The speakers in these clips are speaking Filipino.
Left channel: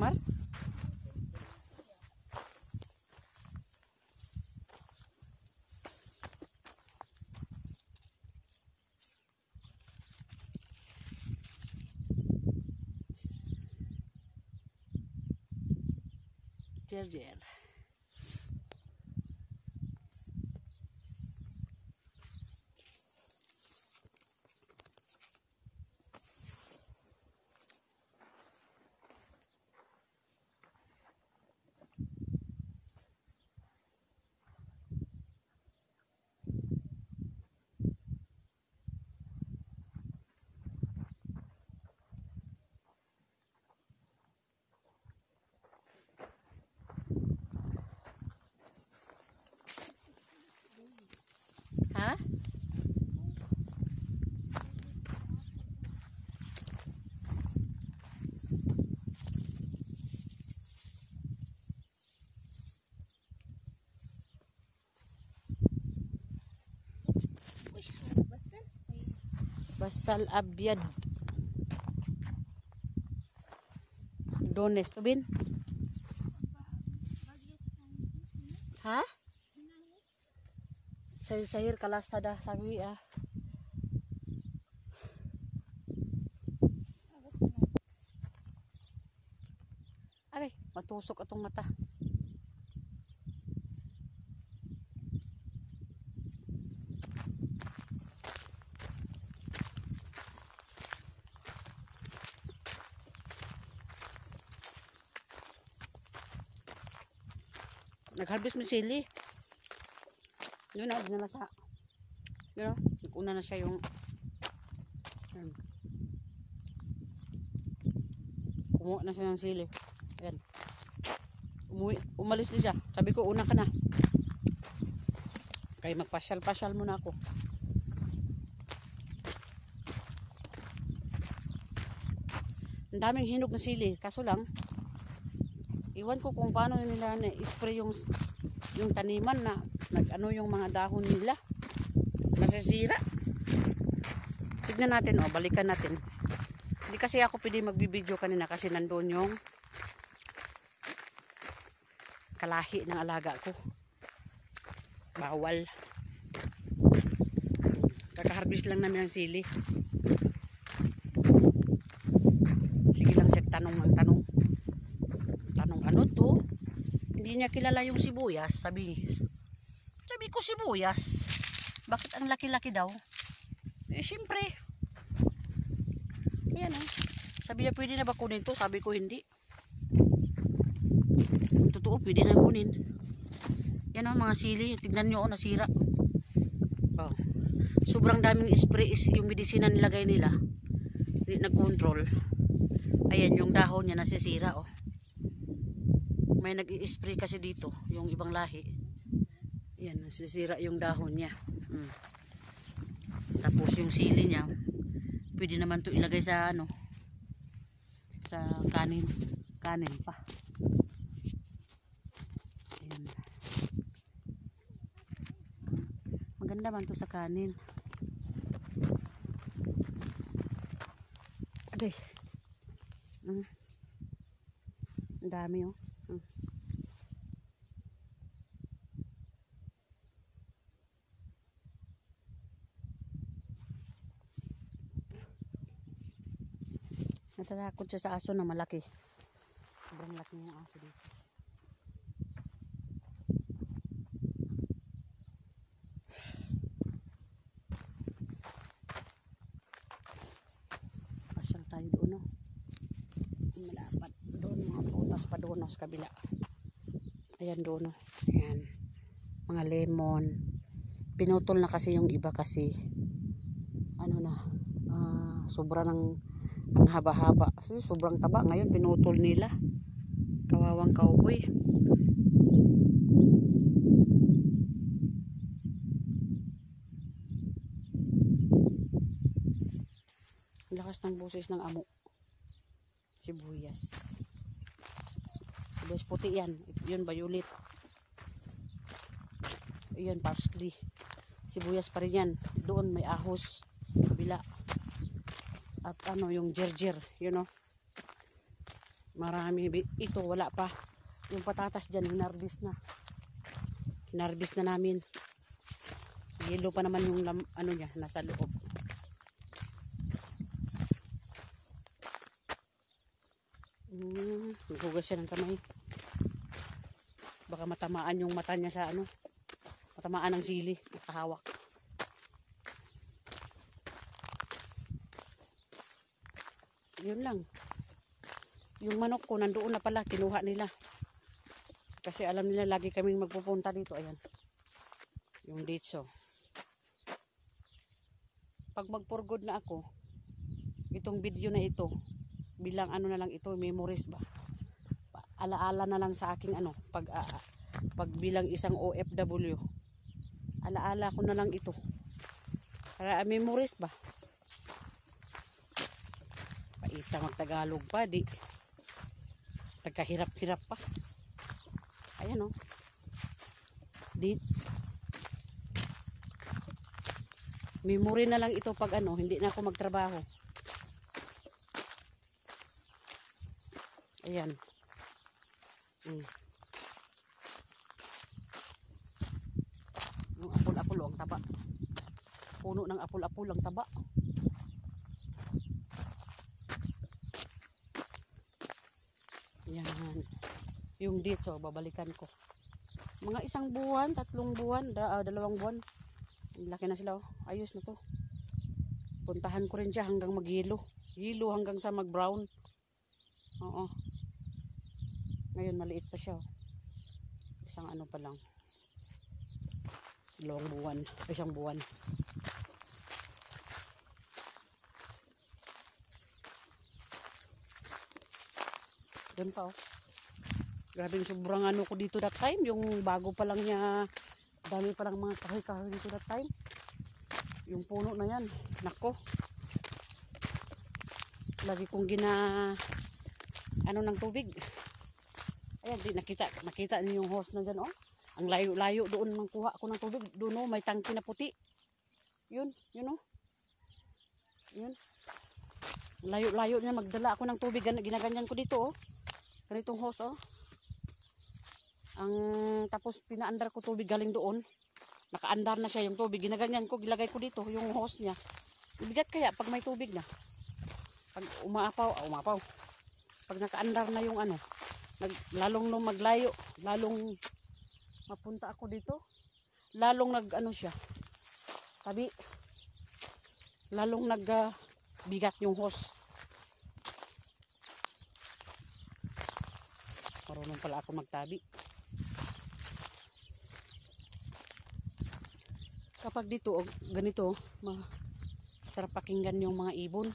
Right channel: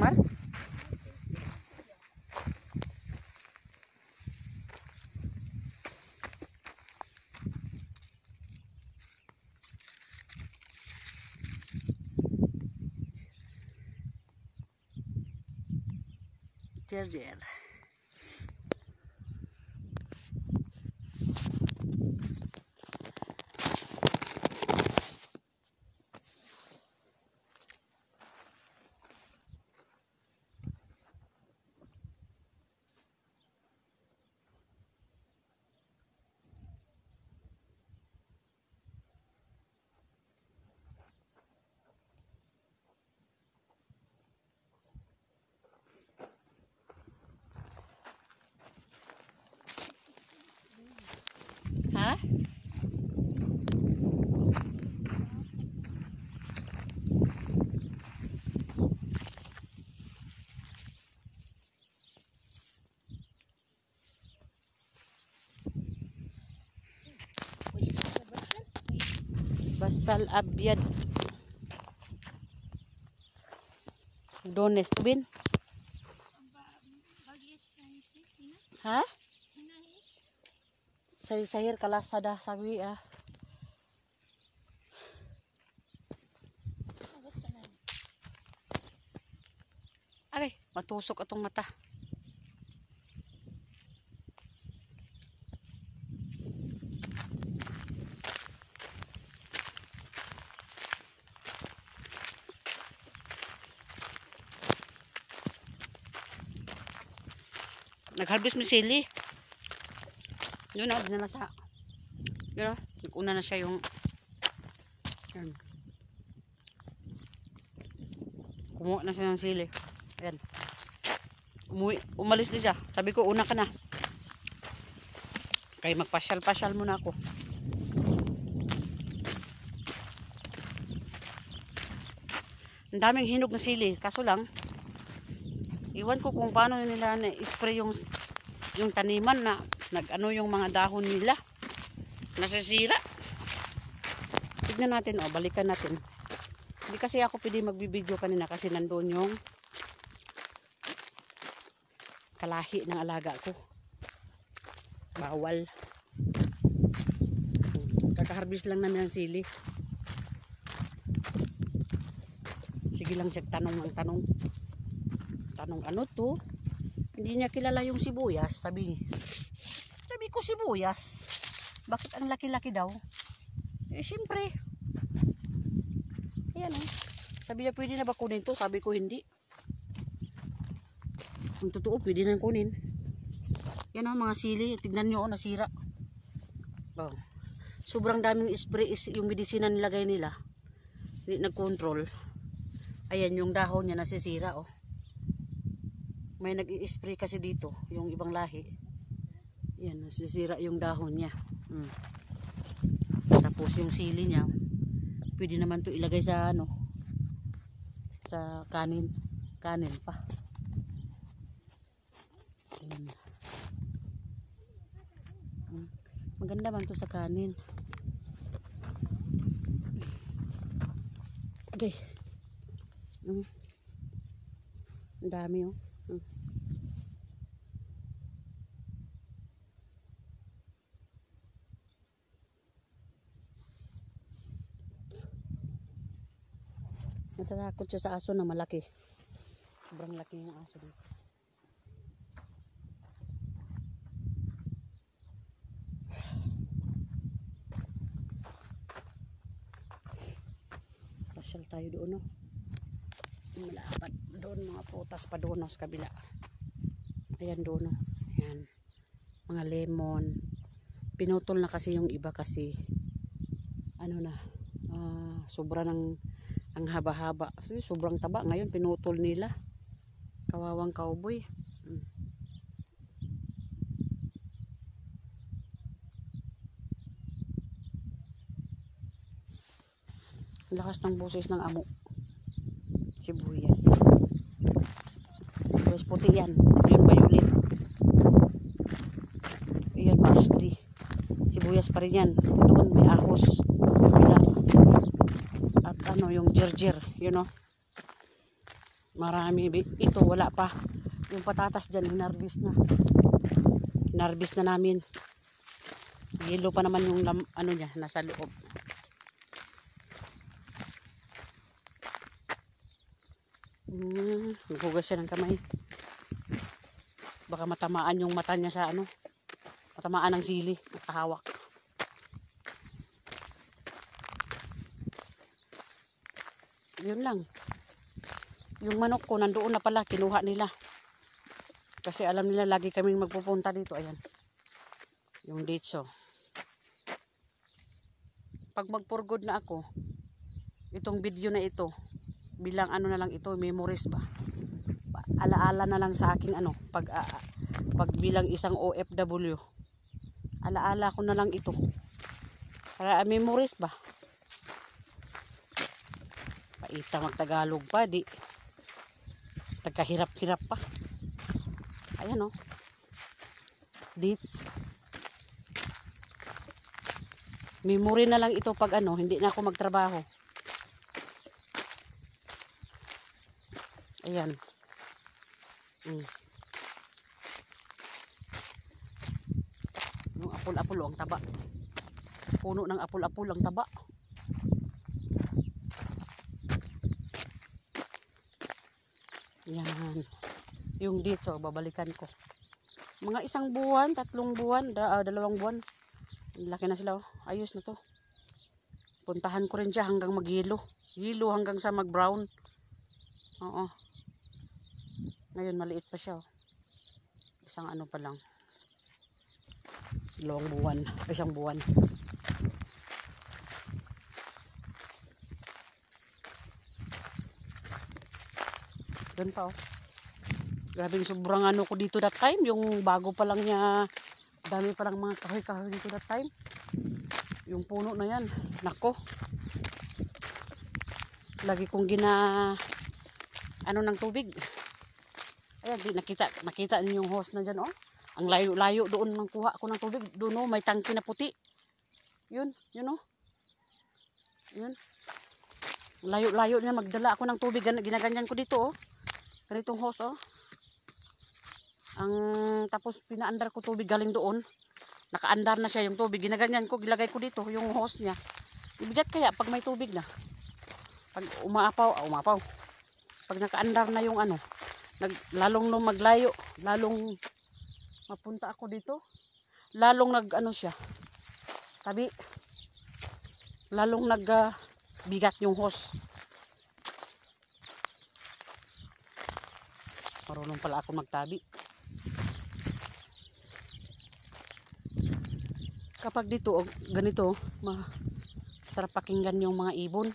Mar? Jer. Ha? Basal abyad. Dones tubin. Ha? Sayur kalasa dah sawi ah. Aray, matusok atong mata. Nag-harvest mo sili. Yun na, dinala sa. Yun na, nag-una na siya yung yun. Kumuha na siya ng sili. Ayan. Umalis din siya. Sabi ko, una ka na. Kaya magpasyal-pasyal muna ako. Ang daming hinog na sili. Kaso lang, iwan ko kung paano nila na-spray yung taniman na nag-ano yung mga dahon nila. Nasisira. Tignan natin, balikan natin. Hindi kasi ako pwede magbibideo kanina kasi nandoon yung kalahi ng alaga ko. Bawal. Kaka-harvest lang namin ang sili. Sige lang siya tanong ng tanong. Tanong ano to? Hindi niya kilala yung sibuyas. Sabi ko sibuyas. Bakit ang laki-laki daw? Eh syempre. Ayan o. Sabi niya pwede na ba kunin to? Sabi ko hindi. Kung totoo pwede na kunin. Yan o mga sili. Tignan nyo o nasira. Oh. Sobrang daming spray is yung medisina nilagay nila. Nag-control. Ayan yung dahon niya nasisira o. May nag-i-spray kasi dito yung ibang lahi. Yan nasisira yung dahon niya. Tapos yung sili niya pwede naman to ilagay sa ano, sa kanin pa. Ayan. Maganda man to sa kanin. Aday. Ang dami oh. Natatakot siya sa aso na malaki. Sobrang laki yung aso dito. Pasyal tayo doon, no? Malapat doon, mga prutas pa doon, no? Sa kabila. Ayan doon, no? Ayan. Mga lemon. Pinutol na kasi yung iba kasi ano na, sobra ng ang haba-haba. Kasi sobrang taba. Ngayon pinutol nila. Kawawang cowboy. Lakas ng boses ng amo. Sibuyas. Sibuyas puti yan. Yung violet. Yan parsley. Sibuyas pa rin yan. Doon may ahos. Bila. At ano yung jerjer, you know. Marami. Ito wala pa. Yung patatas dyan, hinarvest na. Hinarvest na namin. Yellow pa naman yung ano niya, nasa loob. Naghugas siya ng kamay. Baka matamaan yung mata niya sa ano. Matamaan ng sili. Nakahawak. Yun lang. Yung manok ko nandoon na pala, kinuha nila. Kasi alam nila lagi kaming magpupunta dito. Ayan. Yung dates oh. Pag mag-for-good na ako, itong video na ito, bilang ano na lang ito, memories ba? Alaala na lang sa aking ano, pag bilang isang OFW. Alaala ko na lang ito. Para memories ba? Paita magtagalog pa, di. Nagkahirap-hirap pa. Ayan oh. Dates. Memory na lang ito pag ano, hindi na ako magtrabaho. Ayan. Yung apol-apol ang taba. Puno ng apol-apol ang taba. Yan. Yung dito, babalikan ko. Mga 1 buwan, 3 buwan, 2 buwan. Laki na sila. Ayos na to. Puntahan ko rin siya hanggang mag-yelo. Yelo hanggang sa mag-brown. Oo. Ngayon maliit pa siya. Isang ano pa lang. 2 buwan. 1 buwan. Doon pa oh. Grabe sobrang ano ko dito that time. Yung bago pa lang niya. Dami pa lang mga kahoy-kahoy dito that time. Yung puno na yan. Nako. Lagi kong ano ng tubig. Ayan, di nakita niyo yung hose na dyan oh. Ang layo-layo doon nang kuha ko ng tubig. Doon oh, may tangke na puti. Yun oh. Yun. Layo-layo niya magdala ako ng tubig. Ginaganyan ko dito oh. Ganitong hose oh. Tapos pinaandar ko tubig galing doon. Nakaandar na siya yung tubig. Ginaganyan ko, gilagay ko dito yung hose niya. Ibigat kaya pag may tubig na. Pag umaapaw. Pag nakaandar na yung ano, lalong nung maglayo, lalong mapunta ako dito. Lalong ano siya. Tabi. Lalong bigat yung hose. Marunong pala ako magtabi. Kapag dito, ganito, sarap pakinggan yung mga ibon.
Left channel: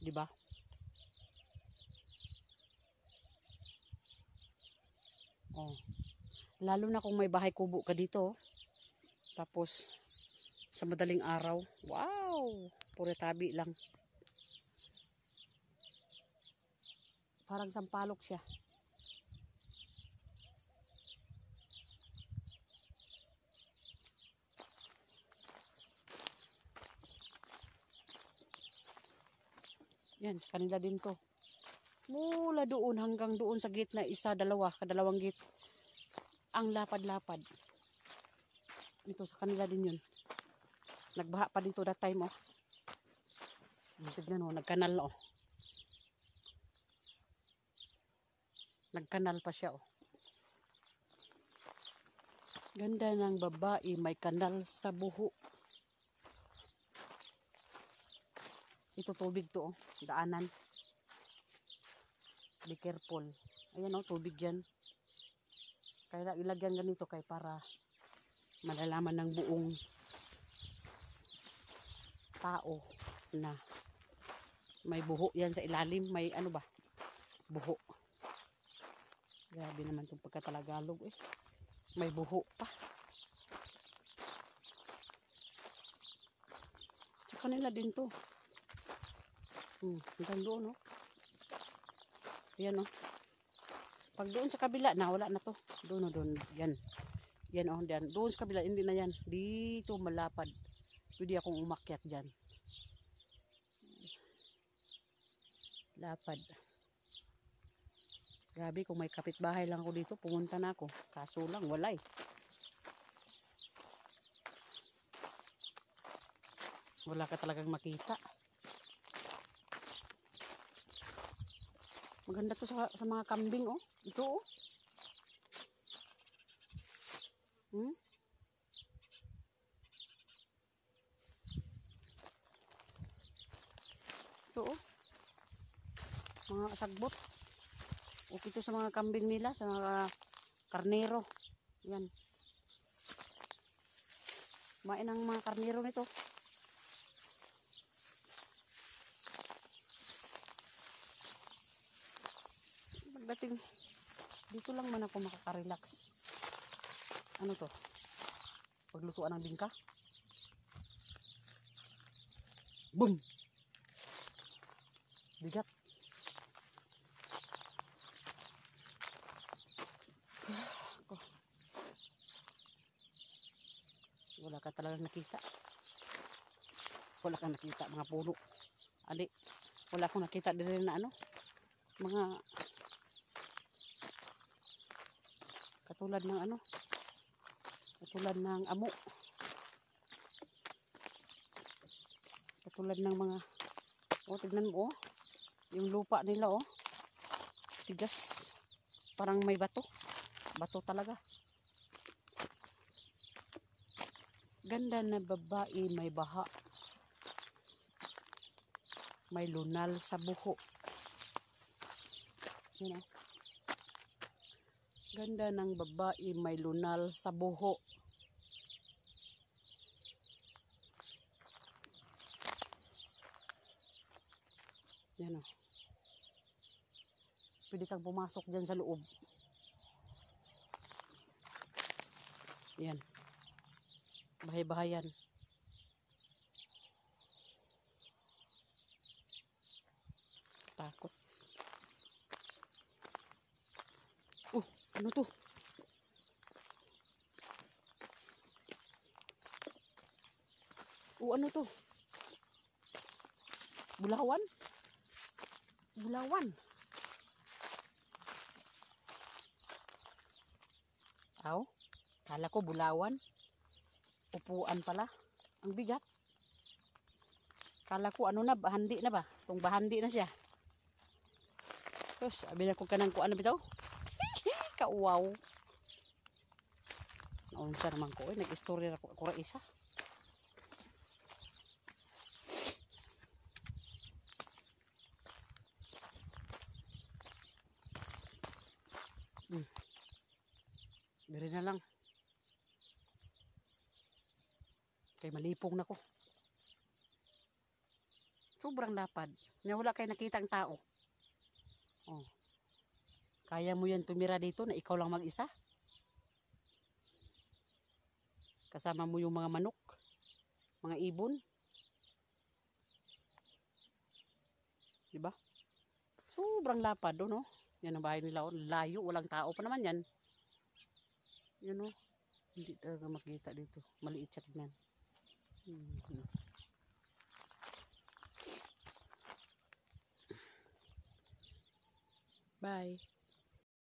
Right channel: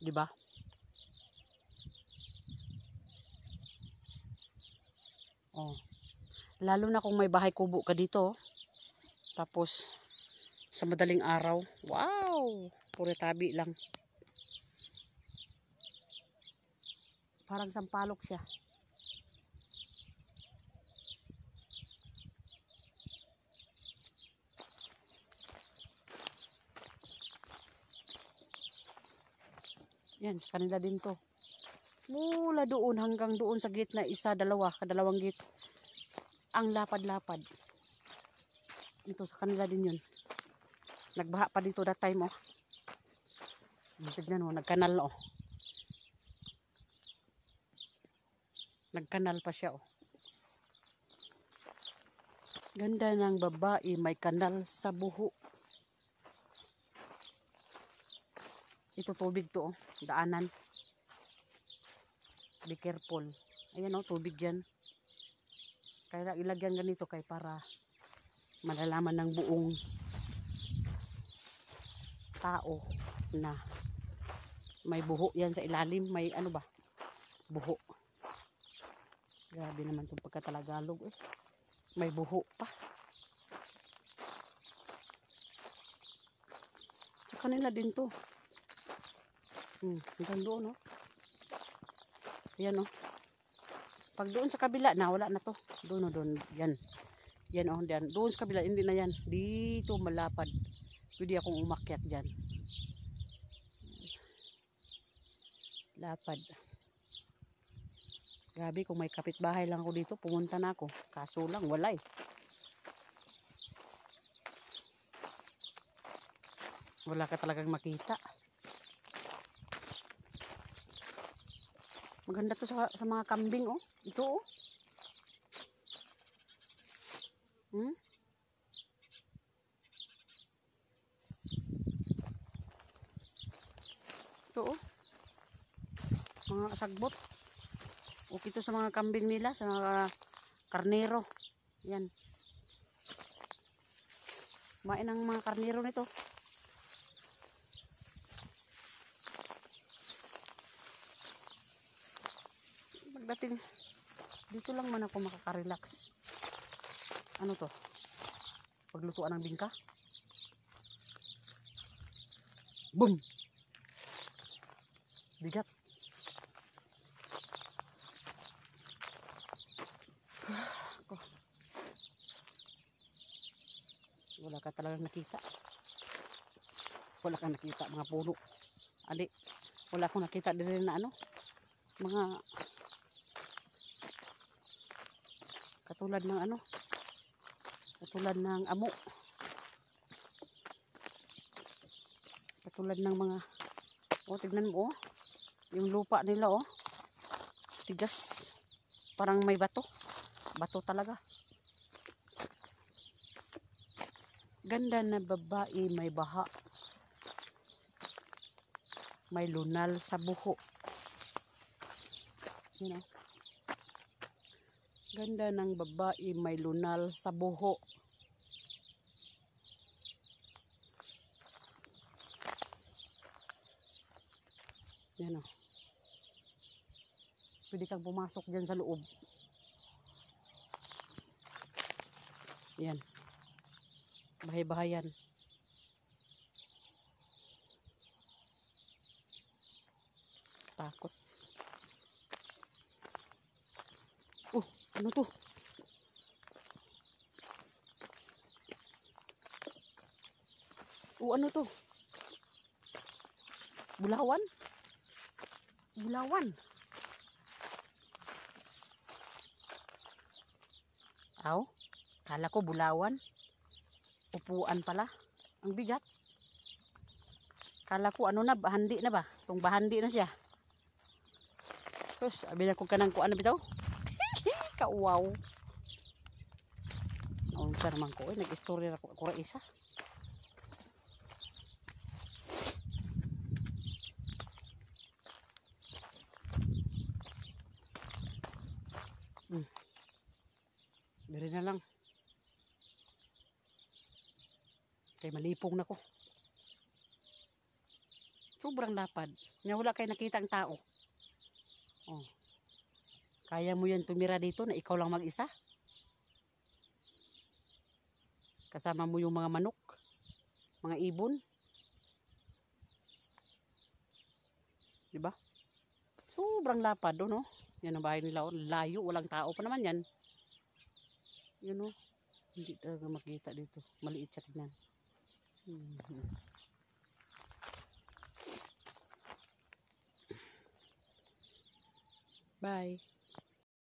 Diba? Oh. Lalo na kung may bahay kubo ka dito. Tapos, sa madaling araw, wow! Puro tabi lang. Parang sampalok siya. Yan, kanila din to. Mula doon hanggang doon sa gate na kadalawang gate. Ang lapad-lapad. Ito sa kanila din yun. Nagbaha pa dito that time oh. Tignan oh, nagkanal oh. Nagkanal pa siya oh. Ganda ng babae, may kanal sa buho. Ito tubig to oh, daanan. Be careful. Ayan oh, tubig yan. Kaya ilagyan ganito kay para malalaman ng buong tao na may buho yan sa ilalim. May ano ba? Buho. Grabe naman itong pagkatalagalog eh. May buho pa. Sa kanila din to. Hanggang doon oh. Yan oh. Pag doon sa kabila na wala na to. Doon oh, doon. Yan. Yan oh, diyan. Doon sa kabila hindi na yan. Dito malapad. Pwede akong umakyat dyan. Lapad. Grabe, kung may kapitbahay lang ako dito, pumunta na ako. Kaso lang, wala eh. Wala ka talagang makita. Maganda to sa mga kambing, oh. Ito, oh. Ito, oh. Mga kasagbot. Okay to sa mga kambing nila, sa mga karnero. Yan. Kumain ang mga karnero nito. Pagdating, dito lang man ako makaka-relax. Ano to? Paglutuan ng bingka. Boom! Bigat. Wala ka talagang nakita. Wala ka nakita mga puno. Ali, wala akong nakita din na ano. Mga katulad ng ano. Katulad ng amo. Katulad ng mga, oh, tignan mo, oh. Yung lupa nila, oh. Tigas. Parang may bato. Bato talaga. Ganda na babae, may baha. May lunal sa buho. You know? Ganda ng babae, may lunal sa buho. Yan, oh. Pwede kang pumasok dyan sa loob. Yan. Bahay-bahayan. Takot. Oh, ano to? Oh, ano to? Bulawan? Bulawan. Aw, kala ko bulawan. Upuan pala. Ang bigat. Kala ko ano na, bahandi na ba? Itong bahandi na siya. Tapos, sabi na ko kanang kuan na bitaw. Kauwaw. Ang sarmang ko, nag-istorya na ko isa. Biro na lang. Kay malipong na ko. Sobrang lapad. Wala kayo nakita ang tao. Oh. Kaya mo yan tumira dito na ikaw lang mag-isa? Kasama mo yung mga manok, mga ibon. Diba? Sobrang lapad doon, oh. Yan ang bahay nila, oh. Layo, walang tao pa naman yan. Yan, oh. Hindi talaga makita dito. Maliit siya tingnan. Bye.